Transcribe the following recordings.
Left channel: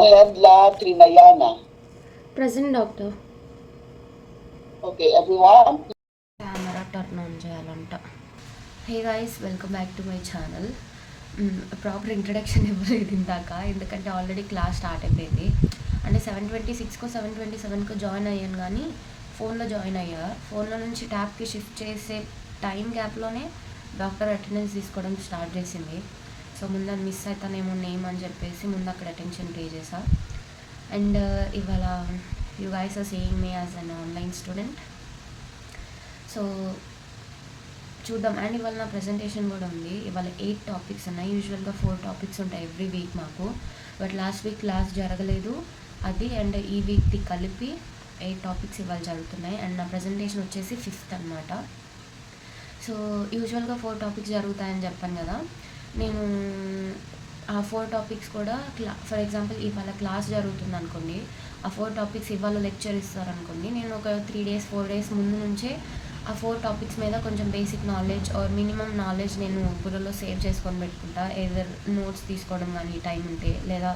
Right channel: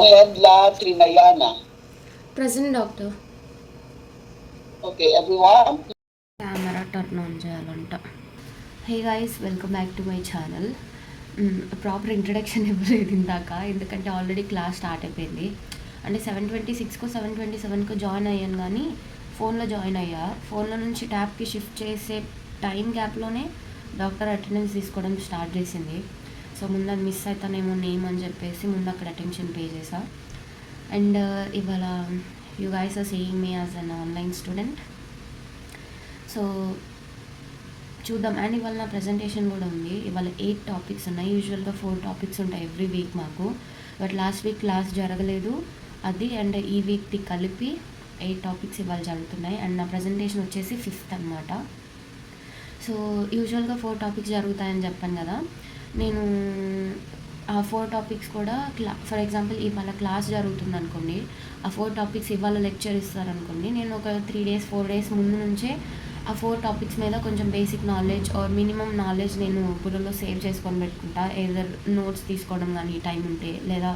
Mohedla Trinayana. Present, doctor. Okay, everyone. Camera turn on చేయాలంట. Hey guys, welcome back to my channel. Proper introduction ఇవ్వలేదు ఇందాక, ఎందుకంటే already class start అయిపోయింది. అంటే 7:26కో 7:27కో join అయ్యాను, కానీ ఫోన్లో జాయిన్ అయ్యా. ఫోన్లో నుంచి ట్యాబ్కి షిఫ్ట్ చేసే టైం గ్యాప్లోనే డాక్టర్ అటెండెన్స్ తీసుకోవడం స్టార్ట్ చేసింది. సో ముందు అది మిస్ అవుతానేమో నేమ్ అని చెప్పేసి ముందు అక్కడ అటెన్షన్ పే చేసా. అండ్ ఇవాళ you guys are seeing me as an online student. So చూద్దాం. అండ్ ఇవాళ నా ప్రజెంటేషన్ కూడా ఉంది. ఇవాళ 8 టాపిక్స్ ఉన్నాయి. యూజువల్గా 4 టాపిక్స్ ఉంటాయి ఎవ్రీ వీక్ మాకు, బట్ లాస్ట్ వీక్ క్లాస్ జరగలేదు అది. అండ్ ఈ వీక్ది కలిపి 8 టాపిక్స్ ఇవాళ జరుగుతున్నాయి. అండ్ నా ప్రజెంటేషన్ వచ్చేసి 5th అనమాట. సో యూజువల్గా 4 టాపిక్స్ జరుగుతాయని చెప్పాను కదా. నేను ఆ 4 టాపిక్స్ కూడా ఫర్ ఎగ్జాంపుల్ ఇవాళ క్లాస్ జరుగుతుంది అనుకోండి, ఆ 4 టాపిక్స్ ఇవాళ లెక్చర్ ఇస్తారనుకోండి, నేను ఒక 3 days 4 days ముందు నుంచే ఆ 4 టాపిక్స్ మీద కొంచెం basic knowledge or minimum knowledge నేను బుర్రలో సేవ్ చేసుకొని పెట్టుకుంటా. ఏదర్ నోట్స్ తీసుకోవడం కానీ టైం ఉంటే, లేదా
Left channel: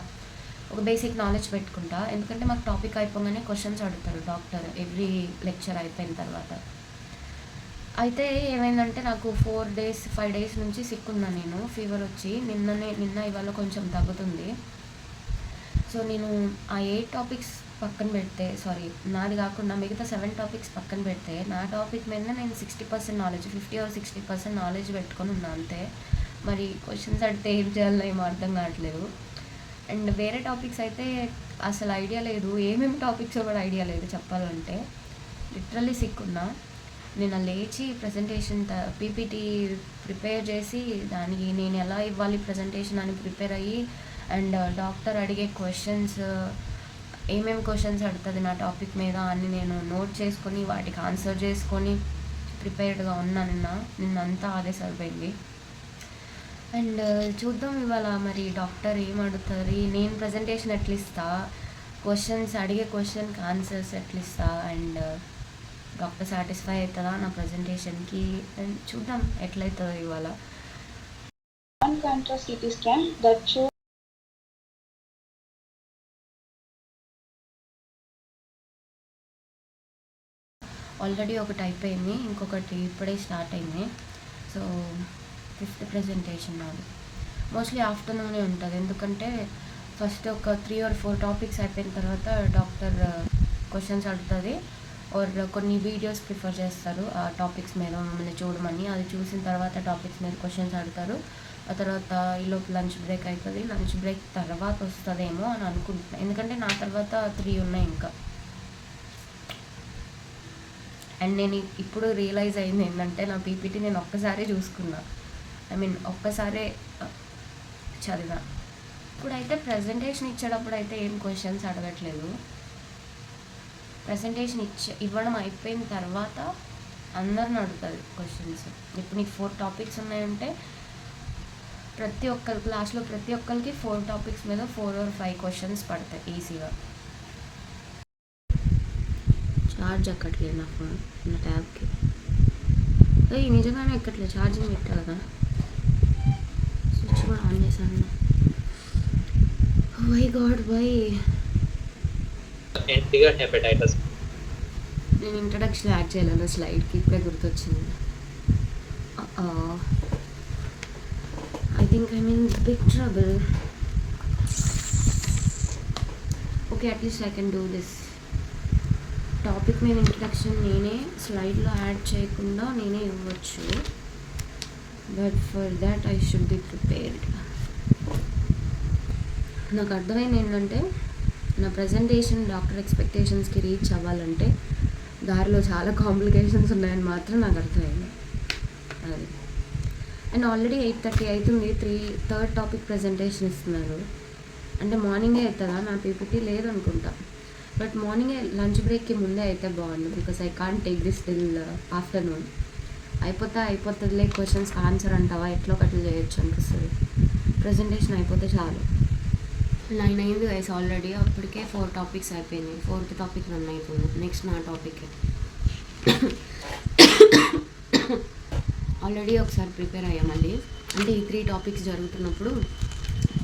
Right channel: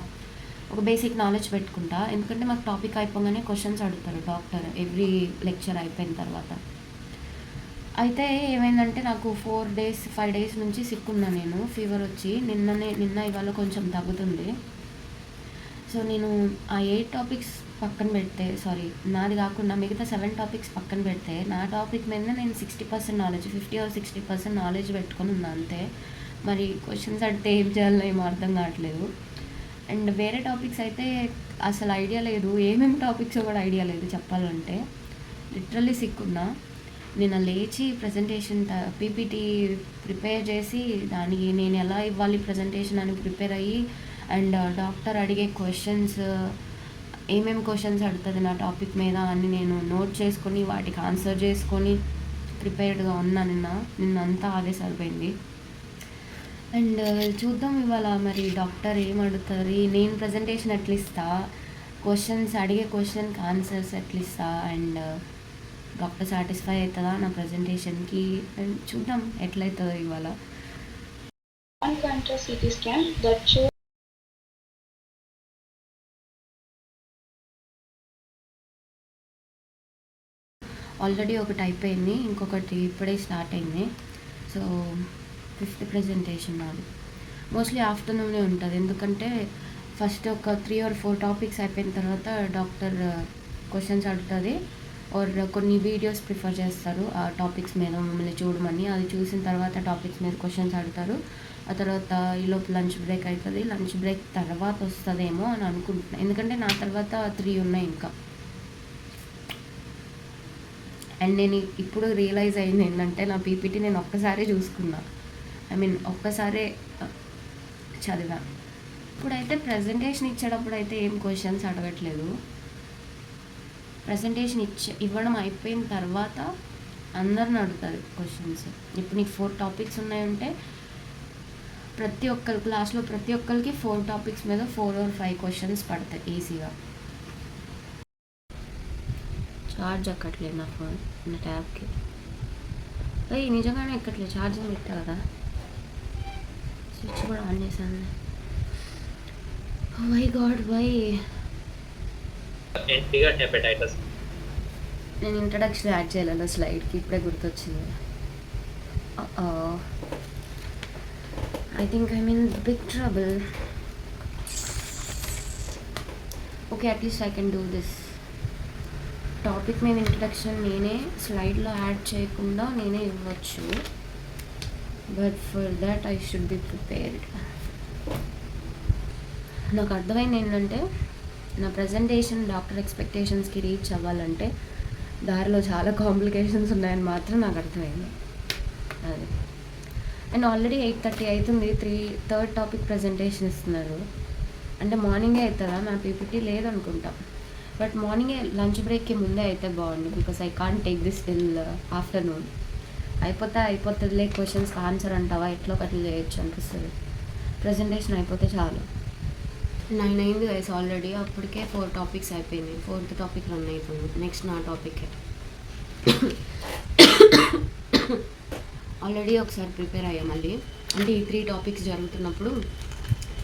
ఒక బేసిక్ నాలెడ్జ్ పెట్టుకుంటా. ఎందుకంటే మాకు టాపిక్ అయిపోగానే క్వశ్చన్స్ అడుగుతారు డాక్టర్ ఎవ్రీ లెక్చర్ అయిపోయిన తర్వాత. అయితే ఏమైందంటే నాకు 5 days నుంచి సిక్ ఉన్నా నేను. ఫీవర్ వచ్చి నిన్న ఇవాళ కొంచెం తగ్గుతుంది. సో నేను ఆ 8 టాపిక్స్ పక్కన పెడితే, సారీ నాది కాకుండా మిగతా 7 టాపిక్స్ పక్కన పెడితే, నా టాపిక్ మీద నేను 60% నాలెడ్జ్, 50 or 60% నాలెడ్జ్ పెట్టుకొని ఉన్నా అంతే. మరి క్వశ్చన్స్ అడిగితే ఏం చేయాలో ఏమో అర్థం కావట్లేదు. అండ్ వేరే టాపిక్స్ అయితే అసలు ఐడియా లేదు, ఏమేమి టాపిక్స్ కూడా ఐడియా లేదు చెప్పాలంటే. లిటరల్లీ సిక్ ఉన్నా. నిన్న లేచి ప్రజెంటేషన్ పీపీటీ ప్రిపేర్ చేసి దానికి నేను ఎలా ఇవ్వాలి ప్రజెంటేషన్ అని ప్రిపేర్ అయ్యి, అండ్ డాక్టర్ అడిగే క్వశ్చన్స్ ఏమేమి క్వశ్చన్స్ అడుగుతుంది నా టాపిక్ మీద అని నేను నోట్ చేసుకొని వాటికి ఆన్సర్ చేసుకొని ప్రిపేర్డ్గా ఉన్నా. నిన్నంతా అదే సరిపోయింది. అండ్ చూద్దాం ఇవాళ మరి డాక్టర్ ఏం అడుగుతుంది, నేను ప్రజెంటేషన్ ఎట్లా ఇస్తా, క్వశ్చన్స్ అడిగే క్వశ్చన్కి ఆన్సర్స్ ఎట్లా ఇస్తా, అండ్ డాక్టర్ సాటిస్ఫై అవుతుందా నా ప్రజెంటేషన్కి, అండ్ చూద్దాం ఎట్లయితుందో ఇవాళ. ఆల్రెడీ ఒకటి అయిపోయింది, ఇంకొకటి ఇప్పుడే స్టార్ట్ అయింది. సో 5th ప్రజెంటేషన్ నాది. మోస్ట్లీ ఆఫ్టర్నూనే ఉంటుంది, ఎందుకంటే ఫస్ట్ ఒక 3 or 4 టాపిక్స్ అయిపోయిన తర్వాత డాక్టర్ క్వశ్చన్స్ అడుగుతుంది, ఆర్ కొన్ని వీడియోస్ ప్రిఫర్ చేస్తారు ఆ టాపిక్స్ మీద మమ్మల్ని చూడమని. అది చూసిన తర్వాత టాపిక్స్ మీద క్వశ్చన్స్ అడుగుతారు. ఆ తర్వాత ఈలోపు లంచ్ బ్రేక్ అవుతుంది. లంచ్ బ్రేక్ తర్వాత వస్తుందేమో అని అనుకుంటున్నాను, ఎందుకంటే నా తర్వాత 3 ఉన్నాయి ఇంకా. అండ్ నేను ఇప్పుడు రియలైజ్ అయింది ఏంటంటే, నా పీపీటీ నేను ఒక్కసారే చూసుకున్నా, ఒక్కసారే చదివా. ఇప్పుడైతే ప్రజెంటేషన్ ఇచ్చేటప్పుడు అయితే ఏం క్వశ్చన్స్ అడగట్లేదు. ప్రజెంటేషన్ ఇవ్వడం అయిపోయిన తర్వాత అందరిని అడుగుతుంది క్వశ్చన్స్. ఇప్పుడు నీకు 4 టాపిక్స్ ఉన్నాయంటే ప్రతి ఒక్కరి క్లాస్లో ప్రతి ఒక్కరికి 4 టాపిక్స్ మీద 4 or 5 క్వశ్చన్స్ పడతాయి ఈజీగా. ఛార్జ్ ఎక్కట్లేదు నా ఫోన్, నా ట్యాబ్కి. అయ్యి నిజంగానే ఎక్కట్లేదు, ఛార్జింగ్ పెట్టా కదా, స్విచ్ కూడా ఆన్ చేశాను. Why god why. నేను ఇంట్రడక్షన్ యాడ్ చేయాలి స్లైడ్కి, ఇప్పుడే గుర్తొచ్చింది. I think I mean big trouble. Okay, at least I can do this. Topic మీద ఇంట్రడక్షన్ నేనే స్లైడ్లో యాడ్ చేయకుండా నేనే ఇవ్వచ్చు, but for that I should be prepared. నాకు అర్థమైంది ఏంటంటే, నా ప్రజెంటేషన్ డాక్టర్ ఎక్స్పెక్టేషన్స్కి రీచ్ అవ్వాలంటే దారిలో చాలా కాంప్లికేషన్స్ ఉన్నాయని మాత్రం నాకు అర్థమైంది అది. అండ్ ఆల్రెడీ 8:30 అవుతుంది, 3rd టాపిక్ ప్రజెంటేషన్ ఇస్తున్నారు. అంటే మార్నింగే అవుతుందా నా పీపీటీ? లేదనుకుంటా, బట్ మార్నింగే లంచ్ బ్రేక్కి ముందే అయితే బాగుండు, because I can't take this till afternoon. అయిపోతుందిలే, క్వశ్చన్స్కి ఆన్సర్ అంటావా ఎట్లా ఒకటి చేయొచ్చు అనిపిస్తుంది. ప్రజెంటేషన్ అయిపోతే చాలు. 9 అయింది గైస్ ఆల్రెడీ, అప్పటికే 4 టాపిక్స్ అయిపోయింది. 4th టాపిక్ రన్ అయిపోయింది. నెక్స్ట్ నా టాపికే. ఆల్రెడీ ఒకసారి ప్రిపేర్ అయ్యా మళ్ళీ, అంటే ఈ 3 టాపిక్స్ జరుగుతున్నప్పుడు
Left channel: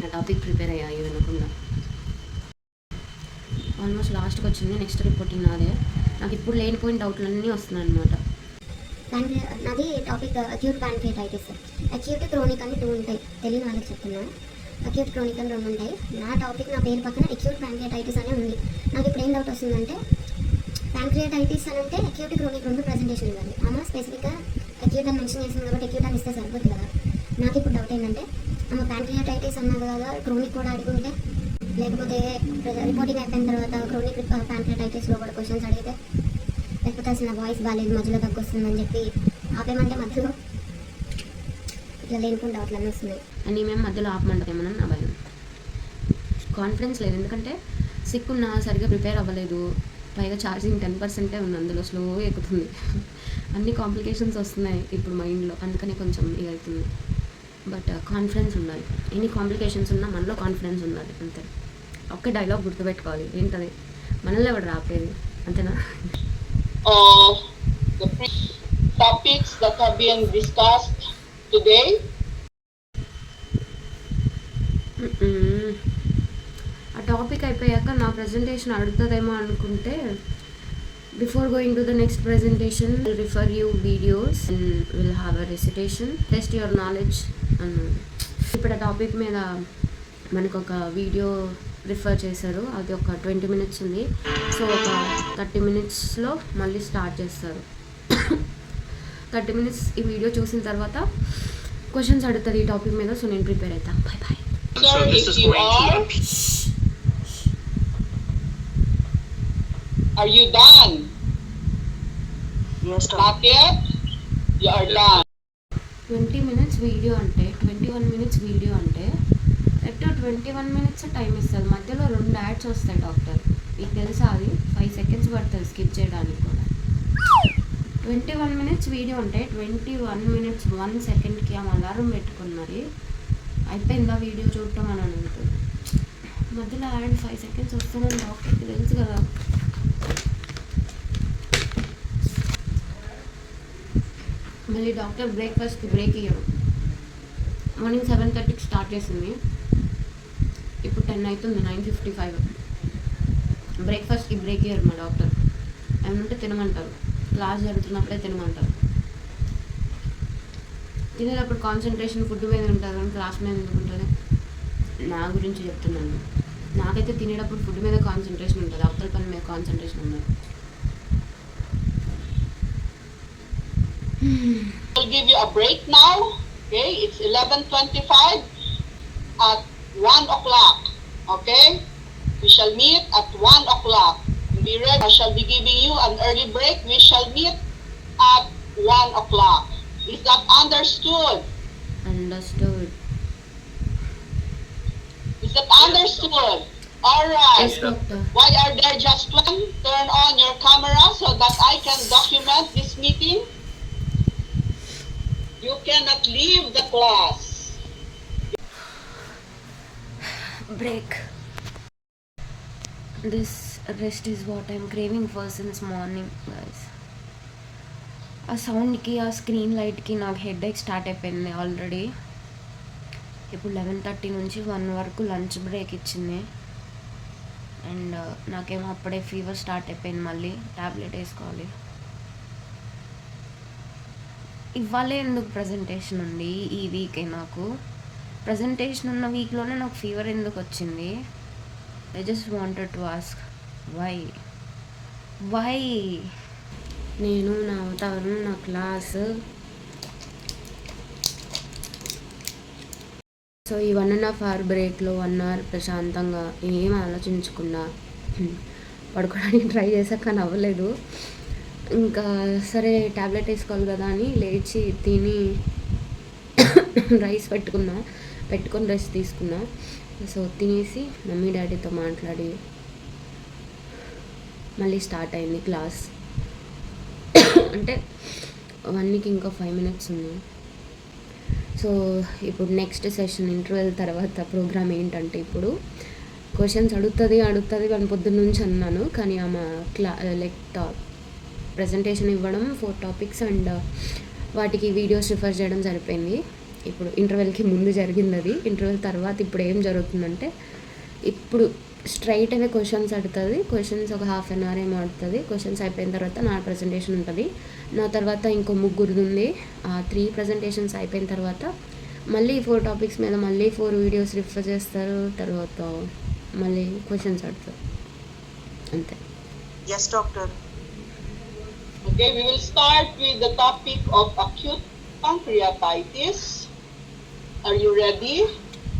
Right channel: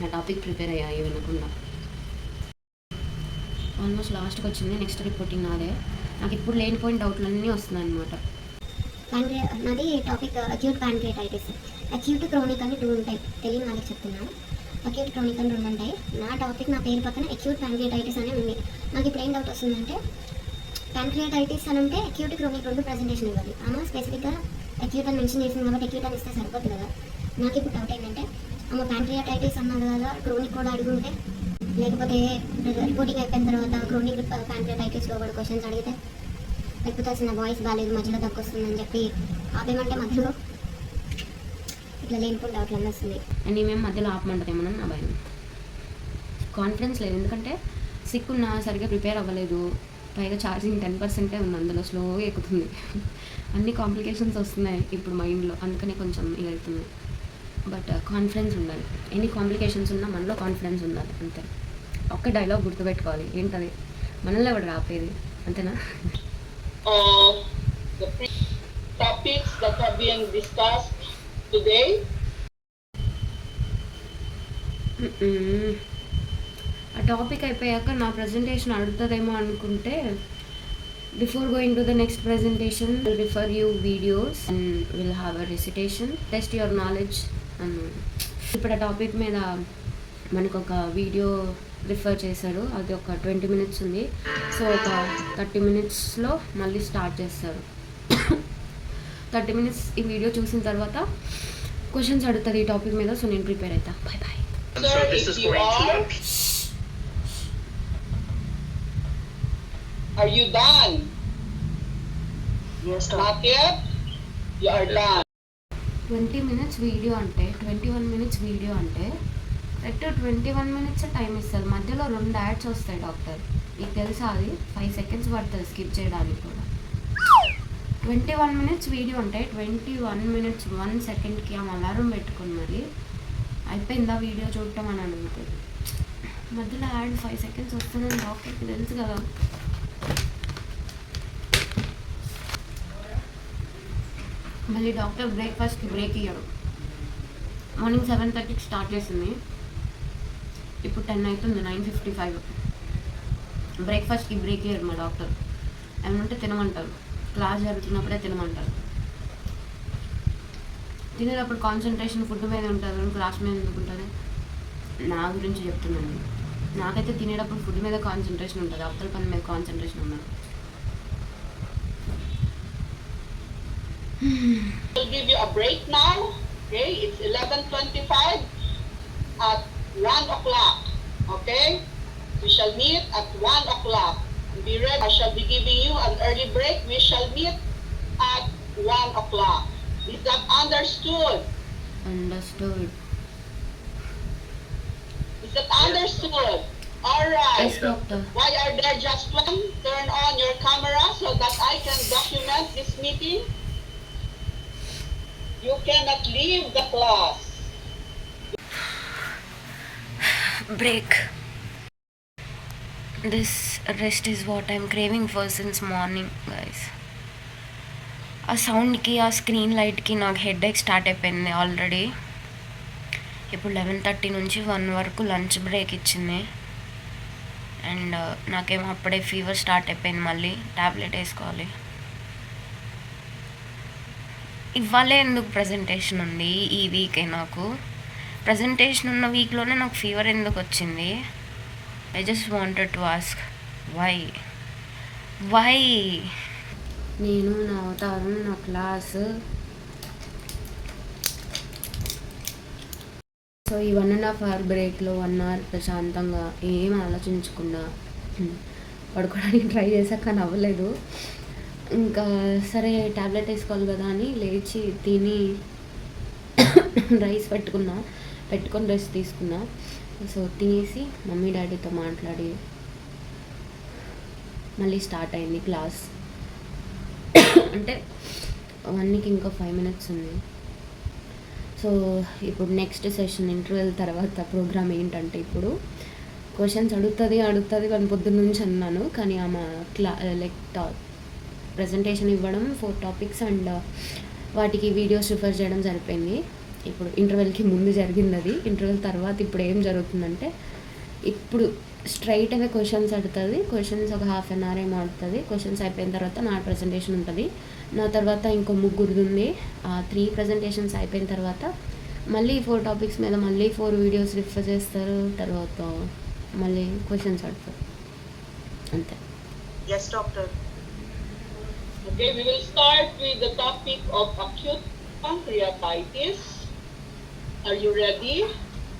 నా టాపిక్ ప్రిపేర్ అయ్యా వినకుండా. ఆల్మోస్ట్ లాస్ట్కి వచ్చింది. నెక్స్ట్ రిపోర్టింగ్ నాదే. నాకు ఇప్పుడు లేనిపోయిన డౌట్లు అన్నీ వస్తున్నాయి అనమాట. నాది topic acute pancreatitis. Acute chronic అని 2 ఉంటాయి. తెలియని వాళ్ళకి చెప్తున్నాను. అక్యూట్ క్రోనిక్ అని 2 ఉంటాయి. నా టాపిక్ నా పేరు పక్కన అక్యూట్ ప్యాంక్రియాటైటిస్ అనే ఉంది. నాకు ఇప్పుడు ఏం డౌట్ వస్తుందంటే, ప్యాంక్రియాటైటిస్ అని అంటే అక్యూట్ క్రోనిక్ 2 ప్రెజెంటేషన్ ఇవ్వాలి. అమ్మ స్పెసిఫిక్గా అక్యూట్ అని మెన్షన్ చేసింది కాబట్టి అక్యూట్ అని ఇస్తే సరిపోతుంది కదా. నాకు ఇప్పుడు డౌట్ ఏంటంటే, అమ్మ ప్యాంక్రియాటైటిస్ అన్నది కదా, క్రోనిక్ కూడా అడుగుంటే, లేకపోతే రిపోర్టింగ్ అయిపోయిన తర్వాత క్రోనిక్ ప్యాంక్రియాటైటిస్లో కూడా క్వశ్చన్స్ అడిగితే, లేకపోతే అసలు నా వాయిస్ బాగాలేదు మధ్యలో తగ్గొస్తుందని చెప్పి ఆపేమంటే మధ్యలో ఇట్లా లేనిపోయిన డౌట్లు అన్నీ వస్తున్నాయి. అండ్ మేము మధ్యలో ఆపమంటారేమోనని నా భయం. కాన్ఫిడెన్స్ లేదు, ఎందుకంటే సిక్ ఉన్నా సరిగ్గా ప్రిపేర్ అవ్వలేదు. పైగా ఛార్జింగ్ 10% ఉంది, అందులో స్లోగా ఎక్కుతుంది. అన్ని కాంప్లికేషన్స్ వస్తున్నాయి ఇప్పుడు మైండ్లో, అందుకని కొంచెం ఇది అవుతుంది. బట్ కాన్ఫిడెన్స్ ఉండాలి. ఎన్ని కాంప్లికేషన్స్ ఉన్నా మనలో కాన్ఫిడెన్స్ ఉండాలి, అంతే. ఒక్క డైలాగ్ గుర్తుపెట్టుకోవాలి, ఏంటది, మనల్ని ఎవడు రాపేది, అంతేనా? The topics that have been discussed today. ఆ టాపిక్ అయిపోయాక నా ప్రజెంటేషన్ అడుగుతుందేమో అనుకుంటే, before going to the next presentation refer you videos and will have a recitation, test your knowledge. ఇప్పుడు ఆ టాపిక్ మీద మనకు ఒక వీడియో రిఫర్ చేశారు, అది ఒక 20 minutes ఉంది. సో ఒక 30 minutesలో మళ్ళీ స్టార్ట్ చేస్తారు. 30 minutes ఈ వీడియో చూసిన తర్వాత క్వశ్చన్స్ అడుగుతుంది ఈ టాపిక్ మీద. సో నేను ప్రిపేర్ అవుతా. Bye bye. So if you are you done? Yes, Not yet? You are done. 20 minutes video అంటే 21 minutes వీడియో అంటే కరెక్ట్ 21 minutes టైం ఇస్తుంది. మధ్యలో 2 యాడ్స్ వస్తాయి డాక్టర్, మీకు తెలుసా? అది 5 seconds పడుతుంది స్కిప్ చేయడానికి కూడా. 21 minutes వీడియో అంటే 21 minutes 1 secondకి ఆ అలారం పెట్టుకుని మరి అయిపోయిందా వీడియో చూడటం అని అడుగుతుంది. మధ్యలో యాడ్ 5 seconds వస్తుందని డాక్టర్కి తెలుసు కదా. మళ్ళీ డాక్టర్ బ్రేక్ఫాస్ట్కి బ్రేక్ ఇయ్యడు. మార్నింగ్ 7:30కి స్టార్ట్ చేసింది, ఇప్పుడు 10 అవుతుంది, 9:55. బ్రేక్ఫాస్ట్కి బ్రేక్ ఇయ్యరు మా డాక్టర్. ఏమంటే తినమంటారు, క్లాస్ జరుగుతున్నప్పుడే తినమంటారు. తినేటప్పుడు కాన్సన్ట్రేషన్ ఫుడ్ మీద ఉంటుంది కానీ క్లాస్ మీద ఎందుకు ఉంటుంది? నా గురించి చెప్తున్నాను. నాకైతే తినేటప్పుడు ఫుడ్ మీద కాన్సన్ట్రేషన్ ఉంటుంది, అవతల పని మీద కాన్సన్ట్రేషన్ ఉండదు. I'll give you a break now. Okay, it's 11:25 at 1 o'clock. Okay, we shall meet at 1 o'clock. Be ready. I shall be giving you an early break. We shall meet at 1 o'clock. Is that understood? Understood. Is that understood? All right. Yes, doctor. Why are there just one? Turn on your camera so that I can document this meeting. You cannot leave the class. Break. This rest is what I'm craving for since morning, guys. ఆ సౌండ్కి, ఆ screen లైట్కి నాకు headache start అయిపోయింది already. ఇప్పుడు 11:30 నుంచి 1 వరకు lunch break ఇచ్చింది. And నాకేమో అప్పుడే ఫీవర్ స్టార్ట్ అయిపోయింది, మళ్ళీ ట్యాబ్లెట్ వేసుకోవాలి. ఇవాళే ఎందుకు ప్రజెంటేషన్ ఉంది ఈ వీకే? నాకు ప్రజెంటేషన్ ఉన్న వీక్లోనే నాకు ఫీవర్ ఎందుకు వచ్చింది? I just wanted to ask why. నేను, నా అవతారం, నా క్లాస్. సో ఈ 1.5 hour బ్రేక్లో 1 hour ప్రశాంతంగా ఏం ఆలోచించకుండా పడుకోవడానికి ట్రై చేశాక కానీ అవ్వలేదు. ఇంకా సరే ట్యాబ్లెట్ వేసుకోవాలి కదా అని లేచి తిని రైస్ పెట్టుకొని రెస్ట్ తీసుకున్నా. సో తినేసి మమ్మీ డాడీతో మాట్లాడి మళ్ళీ స్టార్ట్ అయింది క్లాస్. అంటే 1కి ఇంకా 5 minutes ఉంది. సో ఇప్పుడు నెక్స్ట్ సెషన్ ఇంటర్వెల్ తర్వాత ప్రోగ్రామ్ ఏంటంటే, ఇప్పుడు క్వశ్చన్స్ అడుగుతుంది కానీ పొద్దున్న నుంచి అన్నాను, కానీ ఆమె ప్రజెంటేషన్ ఇవ్వడం 4 topics అండ్ వాటికి వీడియోస్ రిఫర్ చేయడం సరిపోయింది. ఇప్పుడు ఇంటర్వెల్కి ముందు జరిగింది అది. ఇంటర్వెల్ తర్వాత ఇప్పుడు ఏం జరుగుతుందంటే, ఇప్పుడు స్ట్రైట్ అవే క్వశ్చన్స్ అడుగుతుంది. క్వశ్చన్స్ ఒక హాఫ్ అన్ అవర్ ఏమో ఆడుతుంది. క్వశ్చన్స్ అయిపోయిన తర్వాత నా ప్రజెంటేషన్ ఉంటుంది. నా తర్వాత ఇంకో ముగ్గురిది ఉంది. 3 ప్రజెంటేషన్స్ అయిపోయిన తర్వాత మళ్ళీ 4 టాపిక్స్ మీద మళ్ళీ 4 వీడియోస్ రిఫర్ చేస్తారు. తర్వాత మళ్ళీ క్వశ్చన్స్ అడుగుతారు. అంతే. Yes, doctor. Okay, we will start with the topic of acute pancreatitis. Are you ready?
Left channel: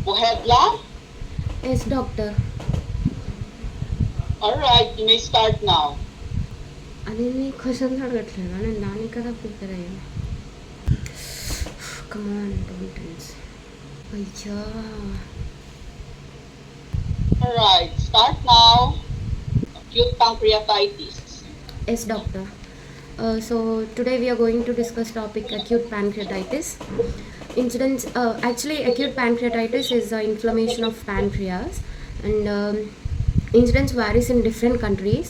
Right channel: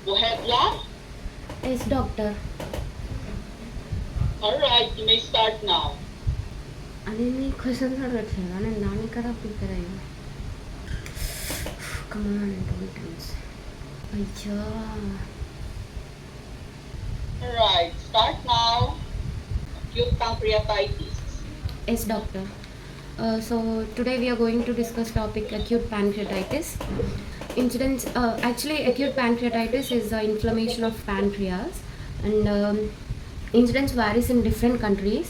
Bohedla? Yes doctor. Alright, you may start now. అది నీ క్వశ్చన్స్ అడగట్లేదా? నేను దాన్ని కదా ప్రిపేర్ అయ్యా. Come on don't tense. అయ్యా. Alright, start now. Acute pancreatitis. Yes, doctor. So today we are going to discuss topic acute pancreatitis. Incidence, actually acute pancreatitis is the inflammation of pancreas, and incidence varies in different countries.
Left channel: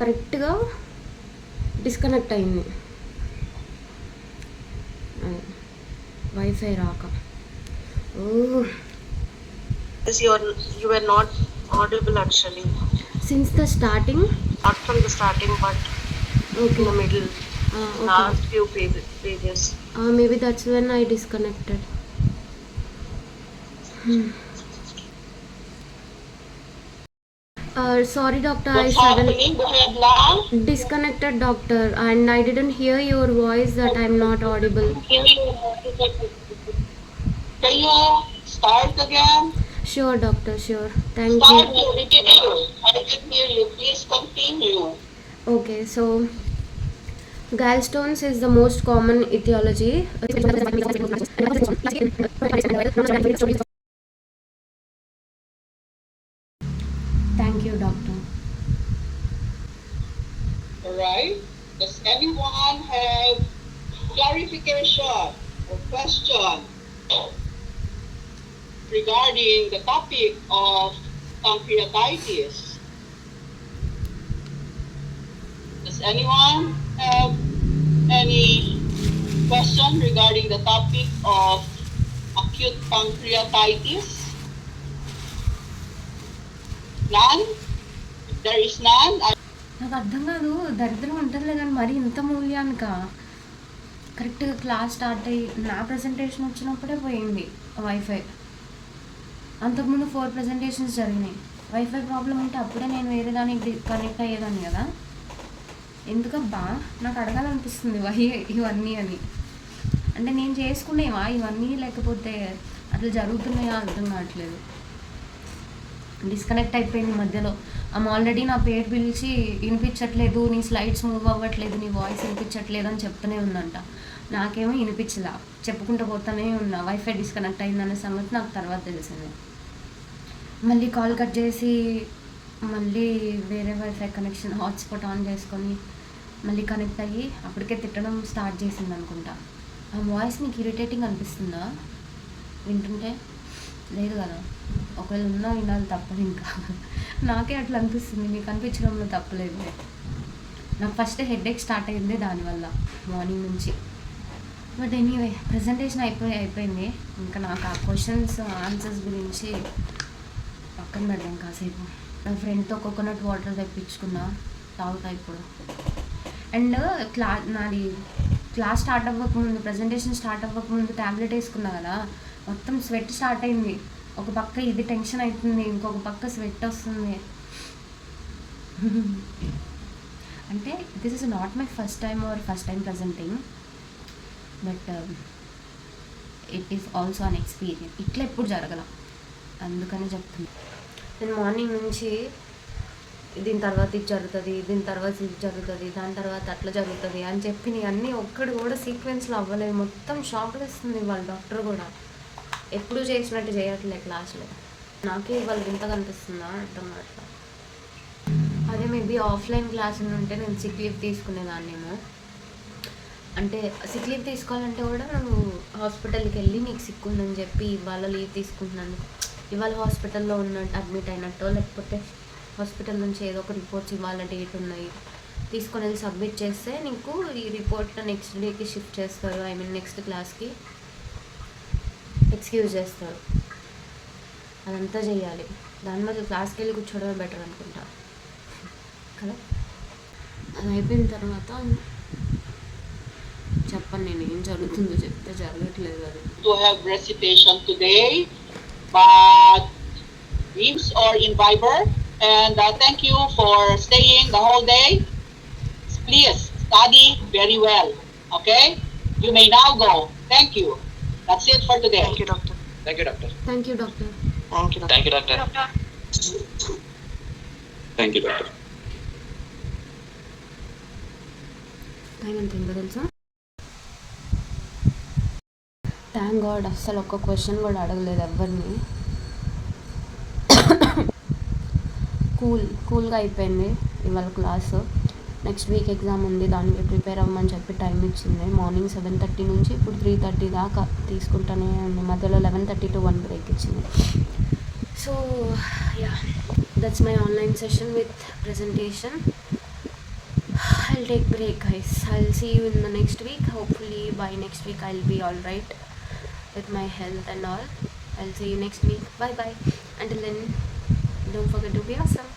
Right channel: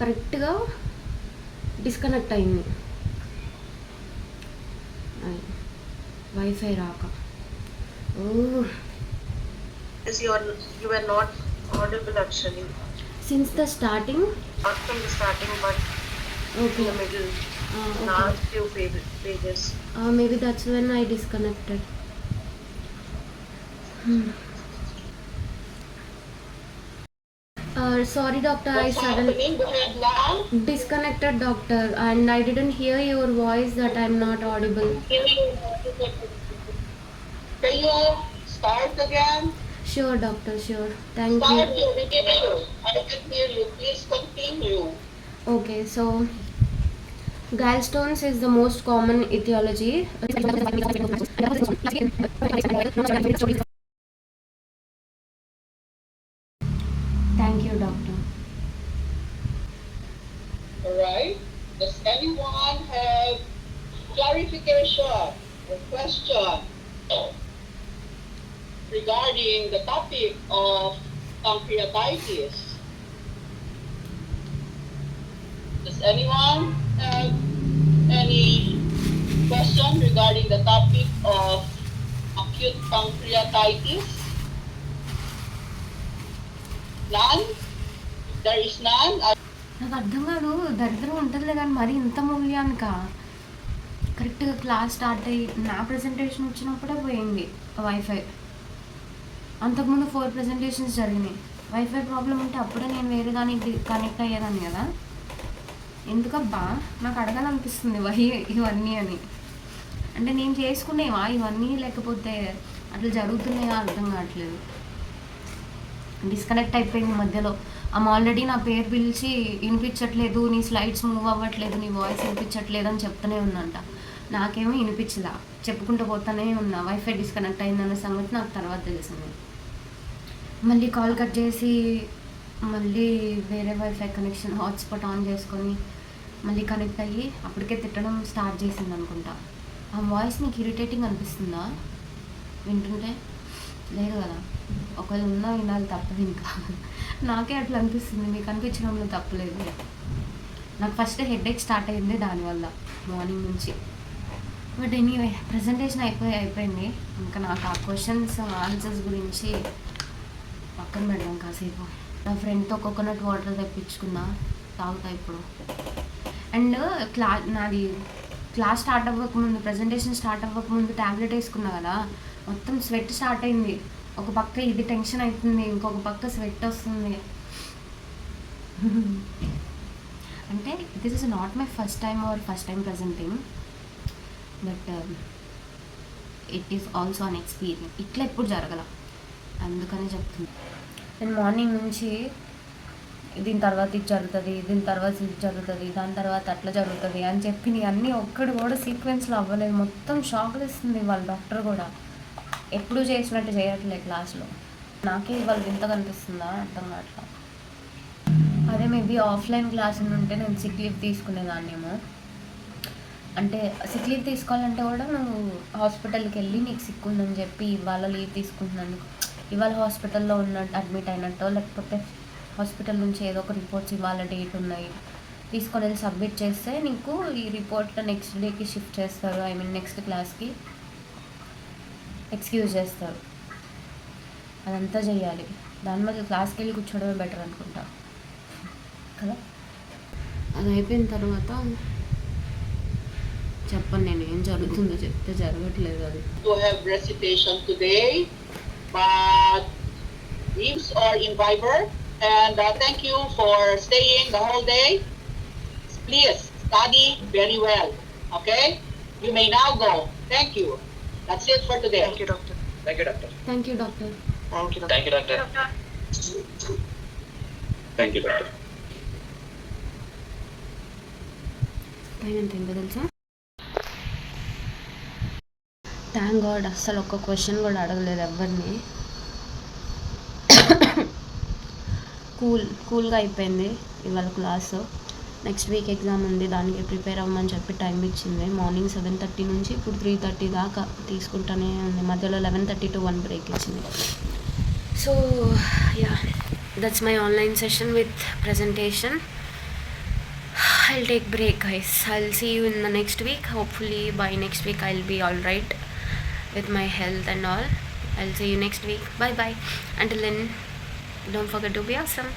కరెక్ట్గా disconnect అయింది wifi రాక. ఓ, Yes, you were not audible actually. Since the starting. Not from the starting, but okay. in the middle, okay. last few pages. Maybe that's when I disconnected. Sorry doctor, I What's suddenly happening? Bohedla? disconnected doctor, and I didn't hear your voice that I'm not audible. Can you start again? Sure doctor, sure. Thank Start you. your review. I can hear you. Please continue. Okay, so gallstones is the most common etiology. Thank you doctor. Alright. Does anyone have clarification or question regarding the topic of pancreatitis? Does anyone have any question regarding the topic of acute pancreatitis? None? If there is none, నాకు అర్థం కాదు, దరిద్రం ఉంటుందిలే కానీ మరి ఇంత మూల్యానిక. కరెక్ట్గా class start అయ్యి నా ప్రజెంటేషన్ వచ్చినప్పుడే పోయింది వైఫై. అంతకుముందు 4 ప్రజెంటేషన్స్ జరిగినాయి. వైఫై ప్రాబ్లం ఉంటే అప్పుడే నేను వేరే దానికి కనెక్ట్ అయ్యేదాన్ని కదా. ఎందుకబ్బా నాకు అడగాలనిపిస్తుంది ఇవన్నీ అని. అంటే నేను చేసుకునేవా ఇవన్నీ, లేకపోతే అట్లా జరుగుతున్నాయా అర్థం కావట్లేదు. డిస్కనెక్ట్ అయిపోయింది మధ్యలో. ఆల్రెడీ నా పేరు పిలిచి వినిపించట్లేదు, నీ స్లైడ్స్ మూవ్ అవ్వట్లేదు, నీ వాయిస్ వినిపించట్లేదు అని చెప్తూనే ఉందంట. నాకేమో వినిపించలా, చెప్పుకుంటూ పోతానే ఉన్నా. వైఫై డిస్కనెక్ట్ అయిందనే సంగతి నాకు తర్వాత తెలిసింది. మళ్ళీ కాల్ కట్ చేసి మళ్ళీ వేరే వైఫై కనెక్షన్ హాట్స్పాట్ ఆన్ చేసుకొని మళ్ళీ కనెక్ట్ అయ్యి అప్పటికే తిట్టడం స్టార్ట్ చేసింది అనుకుంటా. ఆ వాయిస్ మీకు ఇరిటేటింగ్ అనిపిస్తుందా వింటుంటే? లేదు కదా, ఒకవేళ ఉన్నా వినాలి తప్పదు. ఇంకా నాకే అట్లా అనిపిస్తుంది, మీకు అనిపించడంలో తప్పలేదు. నాకు ఫస్ట్ హెడేక్ స్టార్ట్ అయింది దానివల్ల మార్నింగ్ నుంచి. బట్ ఎనీవే ప్రజెంటేషన్ అయిపోయింది. ఇంకా నాకు ఆ క్వశ్చన్స్ ఆన్సర్స్ గురించి పక్కన పెడదాం కాసేపు. నా ఫ్రెండ్తో కోకోనట్ వాటర్ తెప్పించుకున్నా, తాగుతా ఇప్పుడు. అండ్ నాది క్లాస్ స్టార్ట్ అవ్వకముందు, ప్రజెంటేషన్ స్టార్ట్ అవ్వకముందు ట్యాబ్లెట్ వేసుకున్నా కదా, మొత్తం స్వెట్ స్టార్ట్ అయింది. ఒక పక్క ఇది టెన్షన్ అవుతుంది, ఇంకొక పక్క స్వెట్ వస్తుంది. అంటే this is not my first time presenting, but it is also an experience. ఇట్లా ఎప్పుడు జరగల, అందుకని చెప్తుంది. నేను మార్నింగ్ నుంచి దీని తర్వాత ఇది జరుగుతుంది, దీని తర్వాత ఇది జరుగుతుంది, దాని తర్వాత అట్లా జరుగుతుంది అని చెప్పి అన్నీ ఒక్కడు కూడా సీక్వెన్స్లో అవ్వలేదు. మొత్తం షాక్ ఇస్తుంది వాళ్ళ డాక్టర్ కూడా. ఎప్పుడు చేసినట్టు చేయట్లేదు క్లాస్లో. నాకే ఇవాళ వింతగా అనిపిస్తుందా అర్థం కావట్లా. అదే మేబీ ఆఫ్లైన్ క్లాస్ ఉంటే నేను సిక్ లీవ్ తీసుకునేదాన్నేమో. అంటే సిక్ లీవ్ తీసుకోవాలంటే కూడా నువ్వు హాస్పిటల్కి వెళ్ళి నీకు సిక్ ఉందని చెప్పి ఇవాళ లీవ్ తీసుకుంటున్నందుకు, ఇవాళ హాస్పిటల్లో అడ్మిట్ అయినట్టో, లేకపోతే హాస్పిటల్ నుంచి ఏదో ఒక రిపోర్ట్స్ ఇవాళ డేట్ ఉన్నాయి తీసుకొని వెళ్ళి సబ్మిట్ చేస్తే నీకు ఈ రిపోర్ట్ నెక్స్ట్ డేకి షిఫ్ట్ చేస్తారు, నెక్స్ట్ క్లాస్కి. ఎక్స్క్యూజ్ చేస్తారు. అదంతా చెయ్యాలి. దాని బదులు క్లాస్కి వెళ్ళి కూర్చోవడమే బెటర్ అనుకుంటా కదా. అది అయిపోయిన తర్వాత చెప్పండి, నేను ఏం జరుగుతుందో చెప్తే జరగట్లేదు అది. To have recitation today, but Teams or in Viber. And thank you for staying the whole day. Please study very well. Okay? You may now go. Thank you. That's it for today. Thank you, doctor. Thank you, doctor. Thank you doctor. Thank you, doctor. Thank you, doctor. Thank you, doctor. Time ఎంత ఏంటో తెలుసా? Thank God అస్సలు ఒక్క question కూడా అడగలేదు ఎవరిని. కూల్గా అయిపోయింది ఇవాళ క్లాసు. నెక్స్ట్ వీక్ ఎగ్జామ్ ఉంది, దానికి ప్రిపేర్ అవ్వమని చెప్పి టైం ఇచ్చింది. మార్నింగ్ 7:30 నుంచి ఇప్పుడు 3:30 దాకా తీసుకుంటానే ఉంది. మధ్యలో 11:30 to 1 బ్రేక్ ఇచ్చింది. So yeah, that's my online session with presentation. I'll take break, guys. I'll see you in the next week. Hopefully by next week I'll be all right with my health and all. I'll see you next week. Bye bye. Until then, don't forget to be awesome.